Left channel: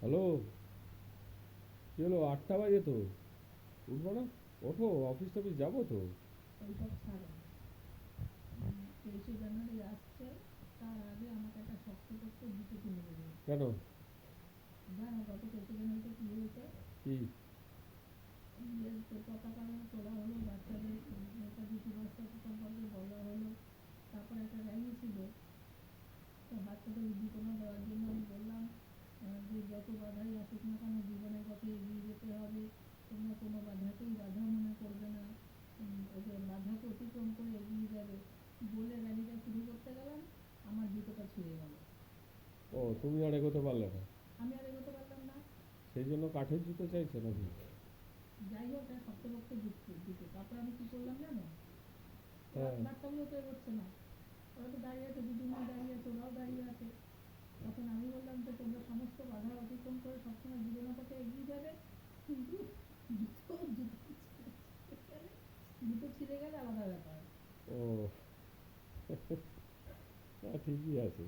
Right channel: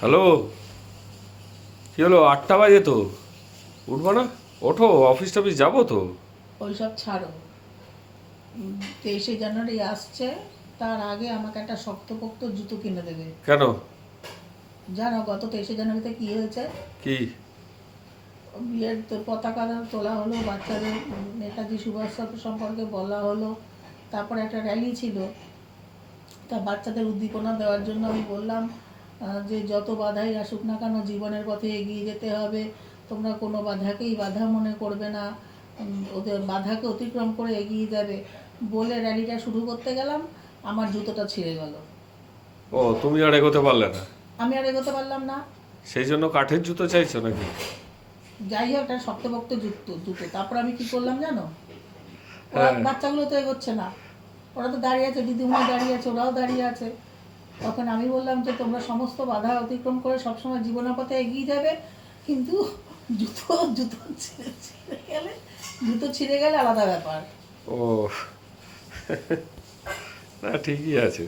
Hello, কী হলো? 8টা বাজে তো, উঠবো না? ওঠো, অফিস টফিস যাবো তো। ওইসব ছাড়ো। 23শে জানুয়ারি আসছে, তার আগে আমাকে একটা শক্তপোক্ত জুতো কিনে দেবে। কেন? জানো গত 23শে জানুয়ারিতে কি হয়েছে? কি? বিয়ের তো পতাকা তোলা হলো, বাচ্চাদের নেতাজি সুভাষ সম্পর্কে বলা হলো, তারপরে একটা র্যালি ছিল। তা বাচ্চাদের উদ্দীপনা দেওয়ার জন্য আমি বললাম যে যত বাধাই আসুক না কেন জীবনের পথে এগিয়ে যেতে হবে, তোমরা কোনো বাধাকেই বাধা মনে করবে না, ওদের বাধাকে অতিক্রম করে এগিয়ে যাবে। বলে র্যালিটা শুরু করতে গেলাম, আমার জুতোটা ছিঁড়ে গেল। ও, তুমি আর এগোতে পারলে না? আমি আর এগোতে পারলাম না। সেই জন্য কাঠের জুতো চাইছো নাকি? যাই হোক, একটা শক্তপোক্ত জুতো জুতো তারপর আমি কি করলাম জানো? ওরা হ্যাঁ। বাচ্চাগুলো তো এগোচ্ছে না, ওরা তো দাঁড়িয়ে আছে, দিদিমণি দাঁড়িয়ে আছে, ওরাও দাঁড়িয়ে আছে। তখন আমি বললাম যে তোমরা সমস্ত বাধা অতিক্রম করে সবসময় জীবনের পথে এগিয়ে যাবে, কিন্তু জুতো জুতো ছিঁড়ে গেলে, জুতো ছিঁড়ে গেলে আলাদা ব্যাপার। ও, না ঠিকই আছে।